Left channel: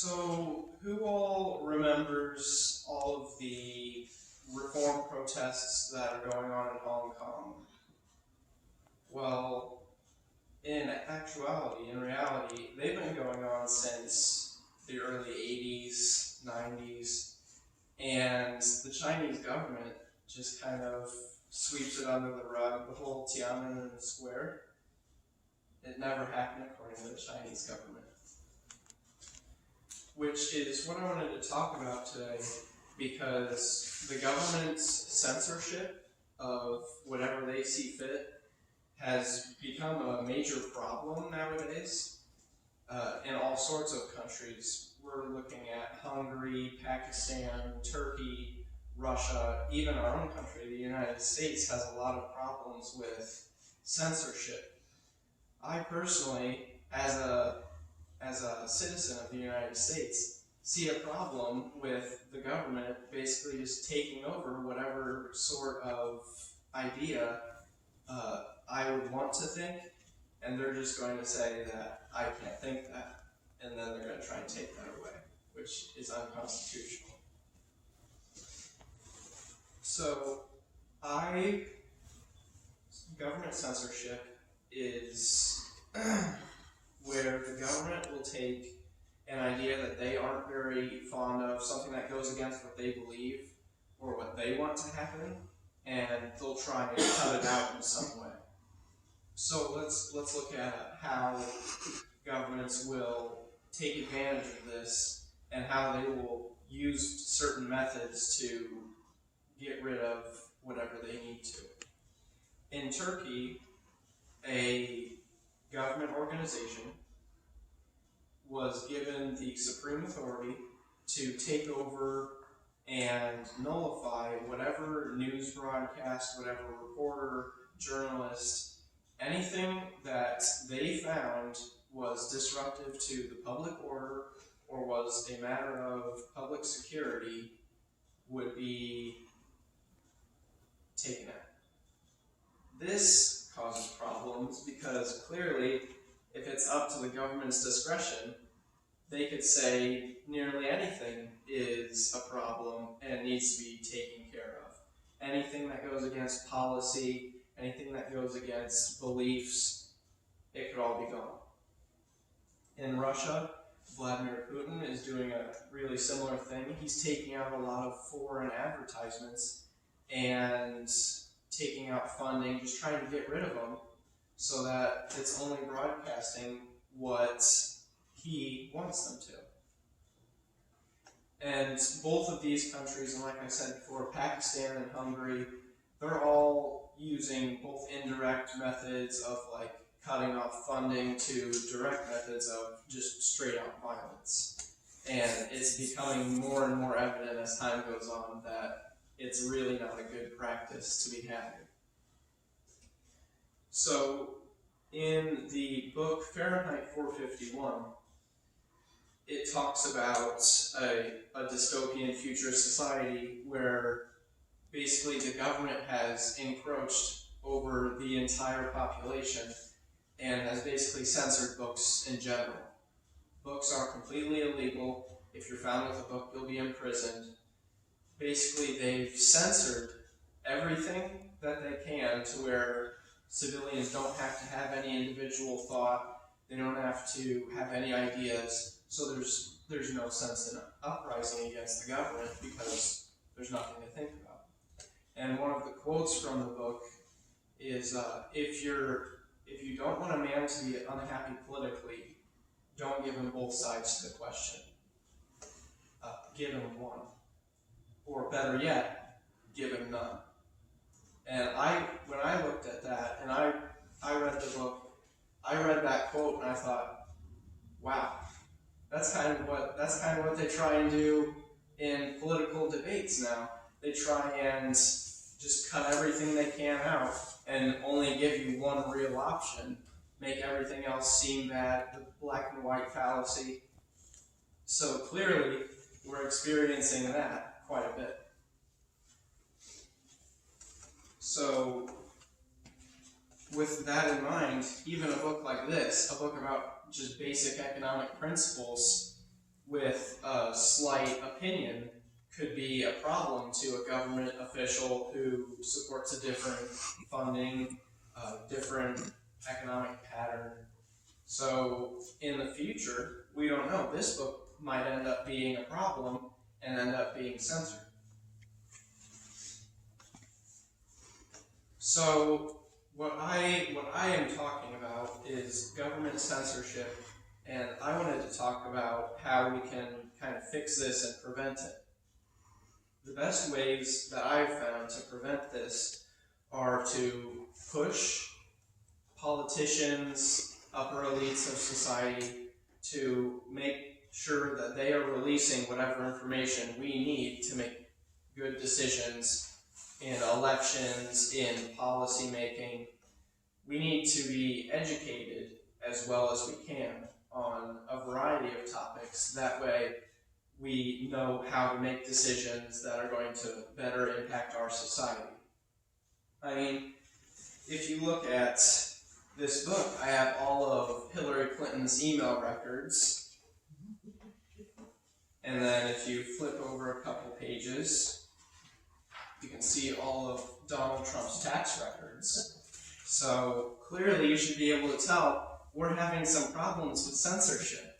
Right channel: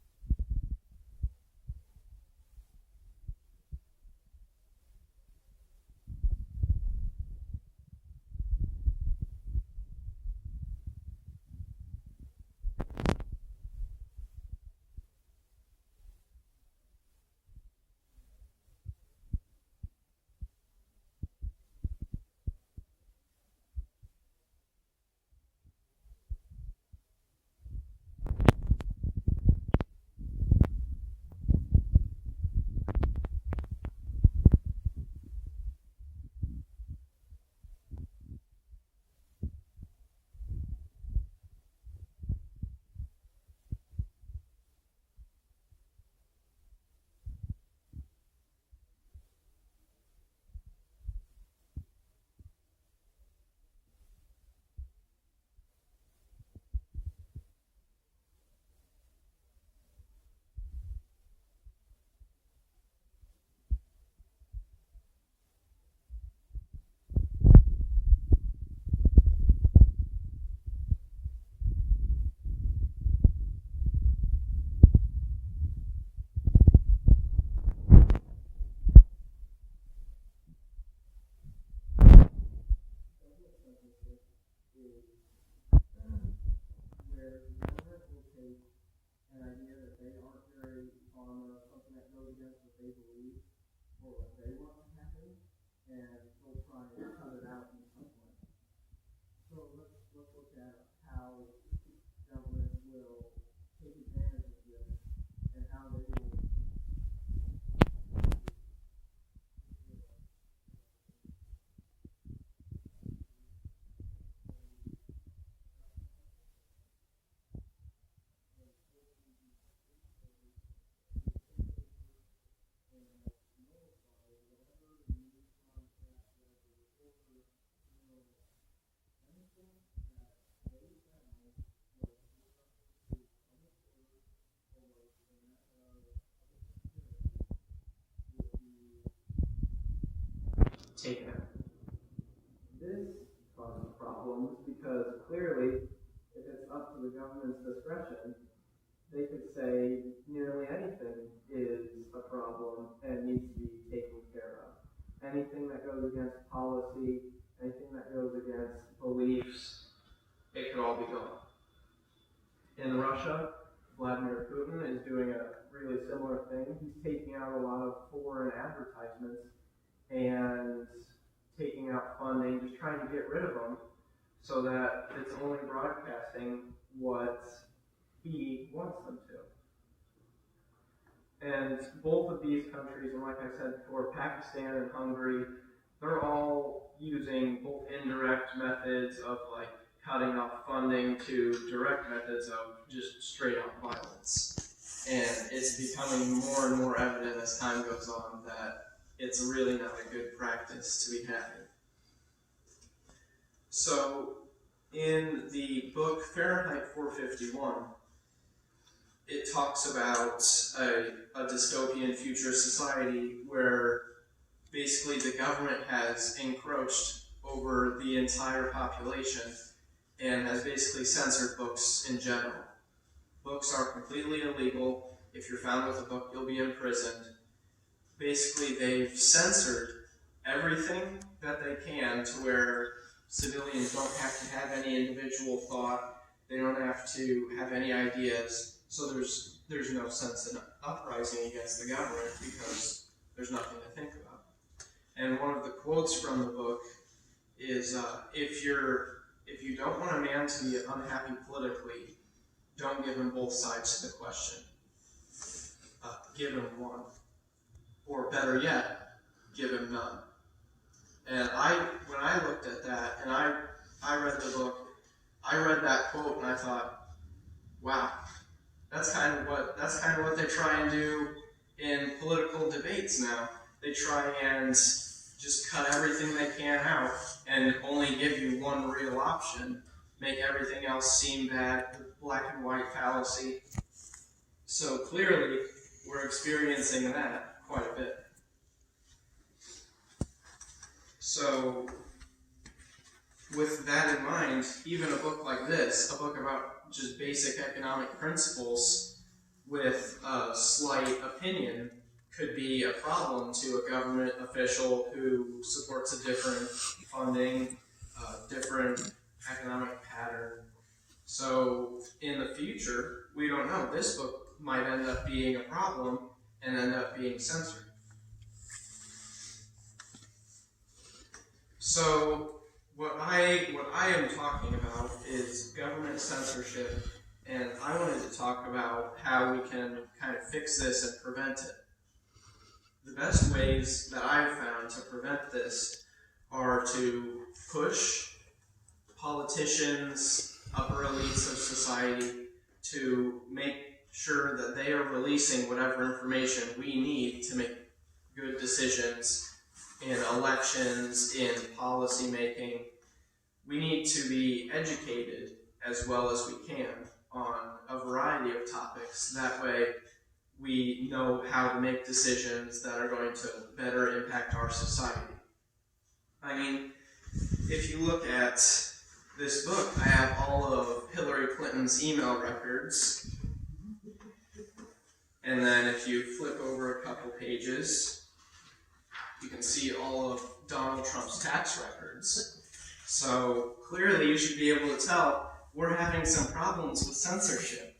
So, who all remembers all of the reform protests that are going on in Hong Kong? Well, in actuality, in reality, they've been going on since the early 80s, 90s, and the Chinese government just kind of sweeps it under the rug. The whole Tiananmen Square, it never happened according to the Chinese government. Which is what I wanted to talk about today, because the government's censorship of whatever they see fit has become a major problem nowadays in all sorts of countries. We're looking at Hungary, Pakistan, Turkey, Russia, even our own country, the United States, has a lot of problems with censorship. I personally, as a citizen of the United States, see a problem with the government basically just taking over whatever sort of idea I would want to think, and they're just going to say that I can't think that, and then they're going to try and take that away, which is unconstitutional. So, government censorship is where the government will take an idea that they aren't very fond of, something that goes against what they believe or what they want to happen, and they'll try and cut it out in some way. So let's look at how governments will take advantage of this and how they will use certain methods to get rid of whatever they need to. In Turkey, a government organization was given the supreme authority to take over and nullify whatever news broadcast, whatever reporter, journalist, anything that they found was disruptive to the public order or was a matter of public security would be taken out. This causes problems because clearly, if it's up to the government's discretion, they could say nearly anything is a problem and needs to be taken care of. Anything that goes against policy, anything that goes against beliefs, it could all be gone. In Russia, Vladimir Putin is doing a really similar thing. He's taking out a lot of foreign advertisements and taking out funding, just trying to get rid of them so that it's only broadcasting what he wants them to. And both of these countries, and like I said before, Pakistan and Hungary, they're all using both indirect methods of like cutting off funding to direct methods of just straight up violence. And it's becoming more and more evident as time goes on that it's really not a good practice to be having. So, in the book Fahrenheit 451, it talks about a dystopian future society where basically the government has encroached over the entire population and has basically censored books in general. Books are completely illegal. If you're found with a book, you'll be imprisoned. Basically, they've censored everything that they can to where civilians don't have to have any individual thought. They don't have to have any ideas. So there's no sense in uprising against the government because there's nothing to think about. And one of the quotes from the book is, if you don't want a man to be unhappy politically, don't give him both sides to the question. Give him one. Or better yet, give him none. And when I looked at that and I read the book, I read that quote and I thought, wow, that's kind of what they try and do in political debates now. They try and just cut everything they can out and only give you one real option, make everything else seem bad, the black and white fallacy. So clearly, we're experiencing that quite a bit. So, with that in mind, even a book like this, a book about just basic economic principles, with a slight opinion could be a problem to a government official who supports a different funding, different economic pattern. So in the future, we don't know. This book might end up being a problem and end up being censored. So what I am talking about is government censorship, and I wanted to talk about how we can kind of fix this and prevent it. The best ways that I've found to prevent this are to push politicians, upper elites of society, to make sure that they are releasing whatever information we need to make good decisions in elections, in policy making. We need to be educated as well as we can on a variety of topics. That way we know how to make decisions that are going to better impact our society. I mean, if you look at this book, I have all of Hillary Clinton's email records. And then if you flip over a couple pages, you can see all of Donald Trump's tax records. So clearly you should be able to tell we're having some problems with censorship.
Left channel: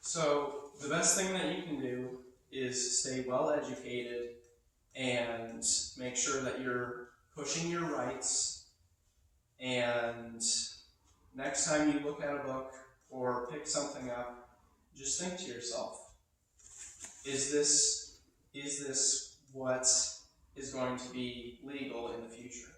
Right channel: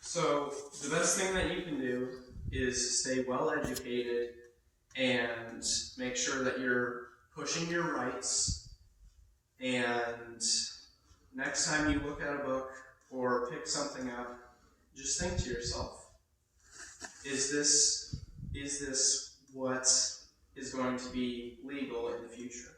So the best thing that you can do is stay well educated and make sure that you're pushing your rights. And next time you look at a book or pick something up, just think to yourself, is this what is going to be legal in the future?